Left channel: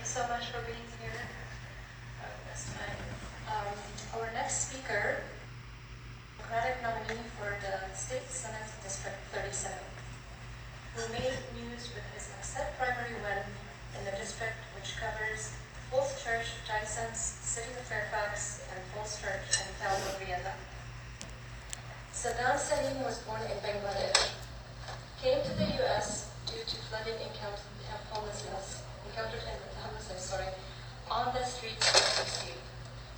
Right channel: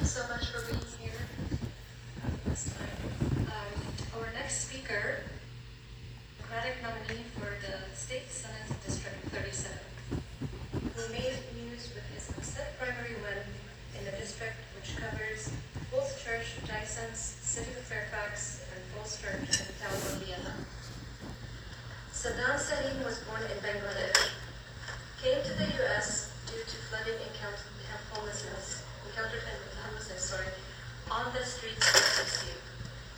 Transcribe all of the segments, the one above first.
you so much for being here this time. Our next speaker, Democratic nominee for the State Senate District 37, who made news with his upset primary win in the district, which covers Falls Church, Tysons, City of Fairfax, and Falls Church in town of Vienna. Saddam Salim was born in Bangladesh, came to the U.S. due to flooding encountered homelessness, on the streets of DC,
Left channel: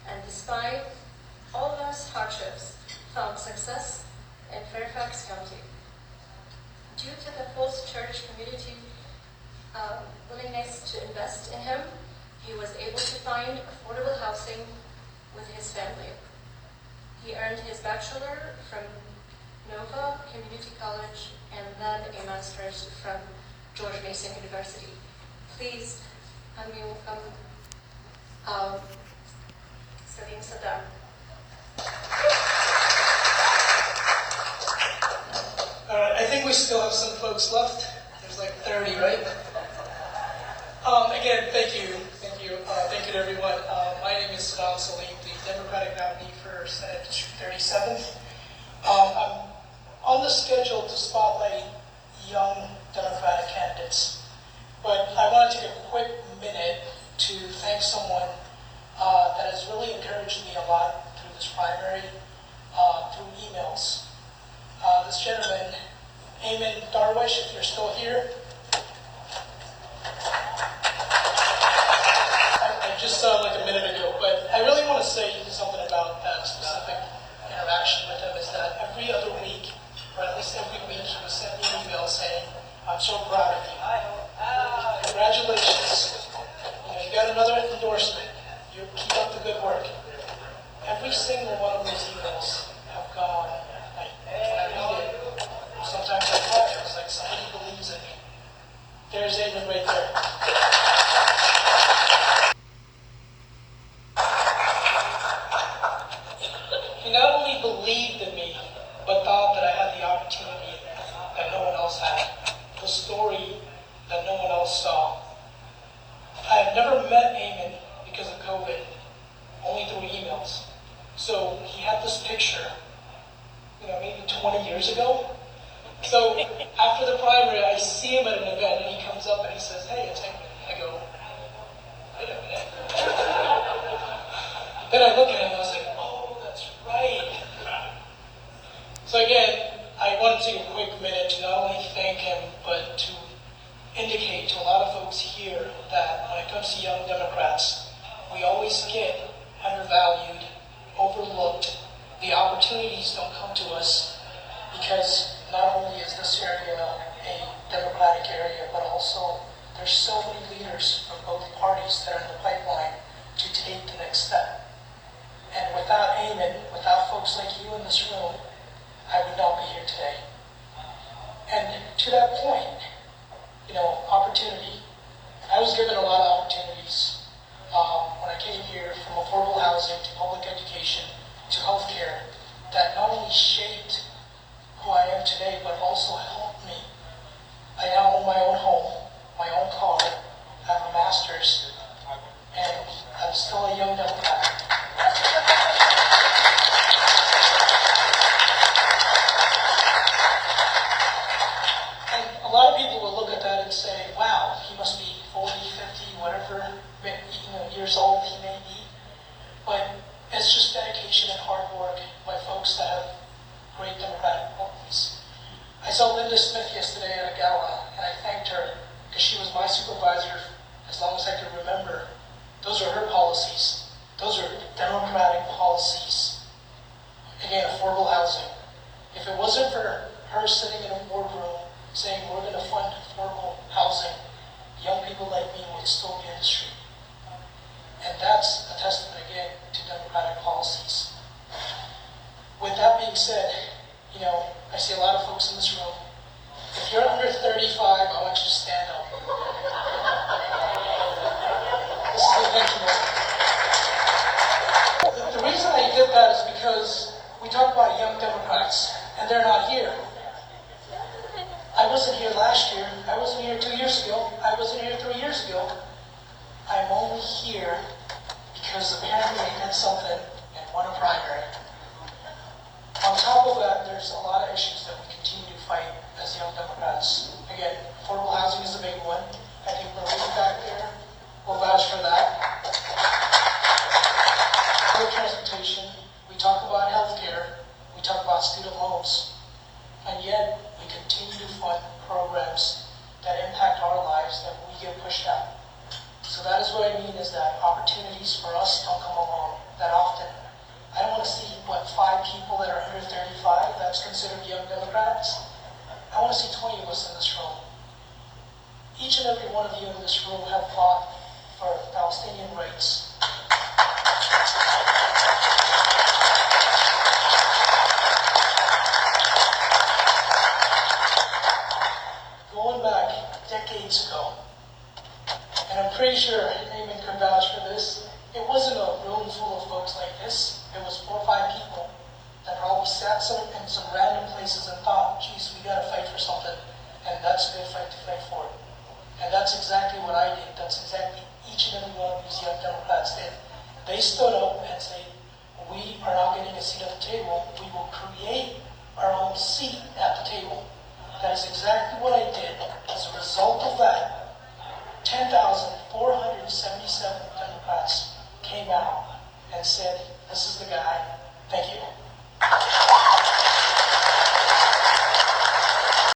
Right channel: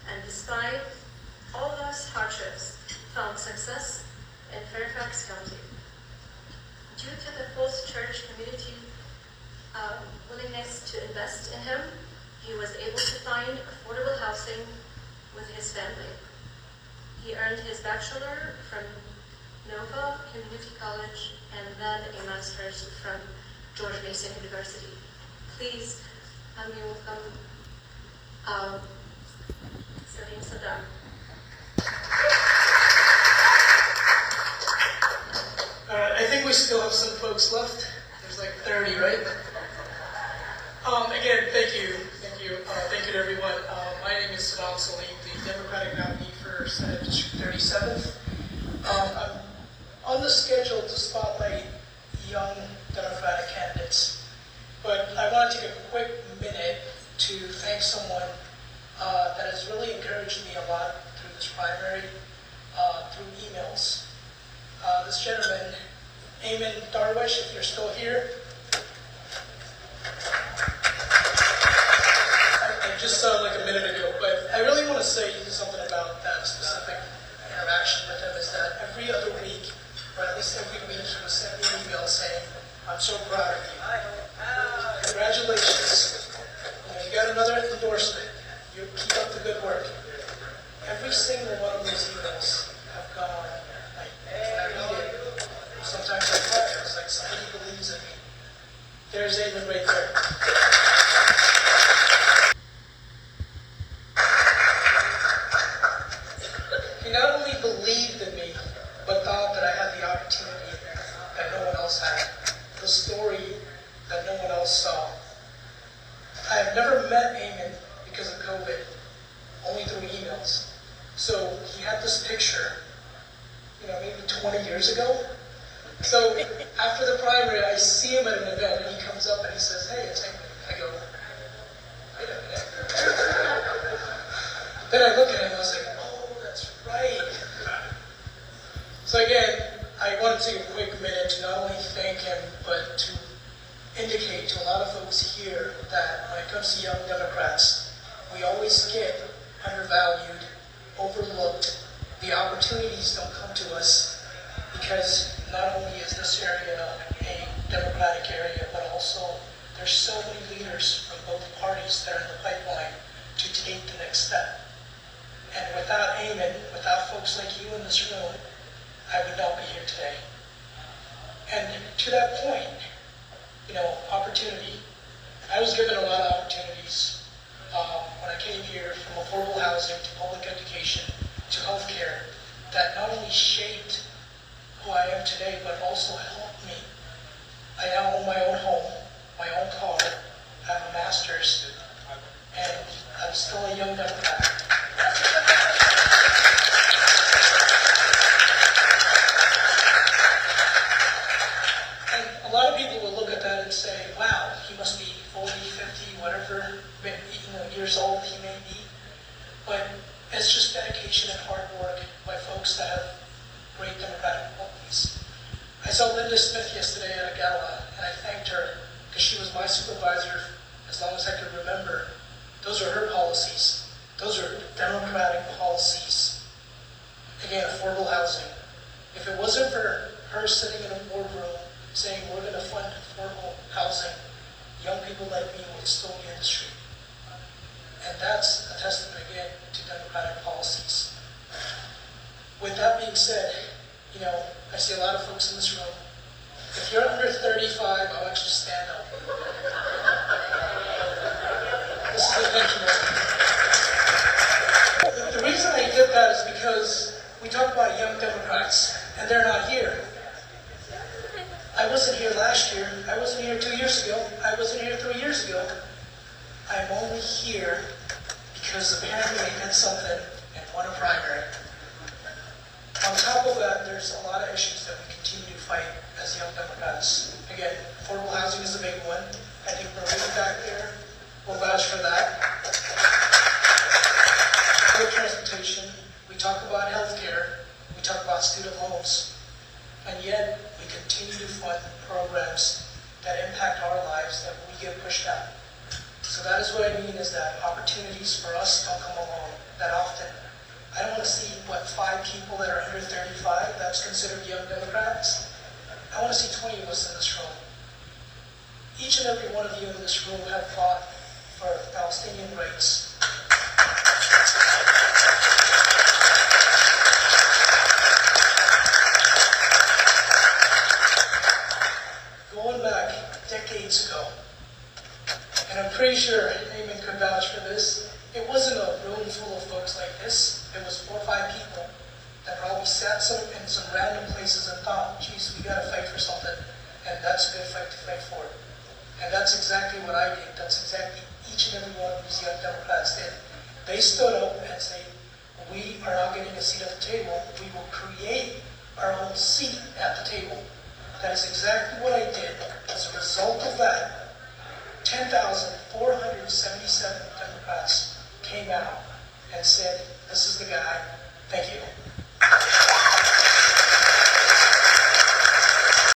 and despite all those hardships, found success in Fairfax County. Due to the Falls Church community willingness to invest in him, he was able to find affordable housing with his family. He earned his bachelor from Nova Community College and then a master's from George Mason University. Please help me welcome Saddam. I think we still have some folks left. There's like 30, right? Again, thank you to everyone. My name is Salim, the Democratic nominee for Senate District 37. I'm on the schedule to spotlight young Democratic candidates, but I want to take a quick minute to thank someone that has really encouraged me a lot through this primary, through emails. This gentleman, Eamon Darwish, if you're still here. I just saw like a minute ago, but I really want to say something about that specific interaction with him, is that every other week, or at least every week, he would send me an email saying, "I'm so proud of you. Congratulations. You got another endorsement. You keep up the good work." Every single one of those emails have gone, like, I read it. Sometimes I cry. It's like somebody believes in me. There's Eamon right there. He not only believed in me, but thought that I had the opportunity that no one else had, the story that no one else saw. I have never met Eamon because of COVID, only through emails. So he had this picture, maybe 20 years ago. So after the primary, I see him at an event, and he comes up and he says, "Hey, it's Eamon." I go, "Wait a minute." Then I look at him and I was like, "Oh, that's right." So again, I want to take a quick minute to not only thank him, but to indicate to a lot of folks here that when it comes to young Democrats, we always get undervalued, overlooked. The opportunities don't come to us because not only is this area a Democratic area, but also there's so many leaders from both parties that are in the pipeline to take the next step. And without Eamon, without folks like you in this room, I would not be here today. And to that point, opportunity. I was given a lot of opportunities when I came here, from affordable housing to public education to healthcare, that not only shaped who I am today, but also helped me. I now own my own home, my own car, I have a master's, and I'm still a young Democrat. And a lot of people will look at that and say, "Wow, he must be 40, 50, whatever years old he may be." But it's just dedication and hard work by folks that have great Democratic qualities. I saw Linda Smith yesterday at a gala, and I thanked her because she was my supervisor as long as I could remember. Those are her policies. Those are Democratic policies. Again, affordable housing. If it wasn't for her sitting in a boardroom saying we're going to fund affordable housing, young people like me would still be in the street. And that's a testament again to Democratic policies. With that being said, I see a lot of folks in this room. If you're under 35, I'll actually stand up. This is a thank you moment. The reason I did that is because we talk about young Democrats, and they're not here. I wasn't here last year. I wasn't here 2 years ago. I wasn't here 3 years ago. I'm only here because apparently I did something and won a primary. On top of that, there's a lot of issues that we continue to fight as Young Democrats. Again, affordable housing is a big one. I think Marie back there will vouch for that. Public transportation, we talk about healthcare, we talk about student loans, and yet we continue to fund programs that impact our lives that we get pushed out. So that is what I mean is that opportunities for us don't come along that often. I don't want to see, 5 people that are under 35 that's considered Young Democrats. I want to see 20 of us in this room. Each and every one of you in this room have fought for Palestinian rights. Going back decades ago, and I'm pretty sure Naaman could vouch for this, it wasn't a room full of folks like this. It was 4 or 5 people that probably sat in some random places and thought, geez, we gotta fight for something, and that's a good fight to fight for. And that's exactly what I did. That's exactly each and every one of these Young Democrats did. They stood up and said, we are not getting a seat at the table, we will create our own seat at the table. That is exactly what I did. As a result of that, 10,477 Democrats came out and said, this is the guy. Thank you.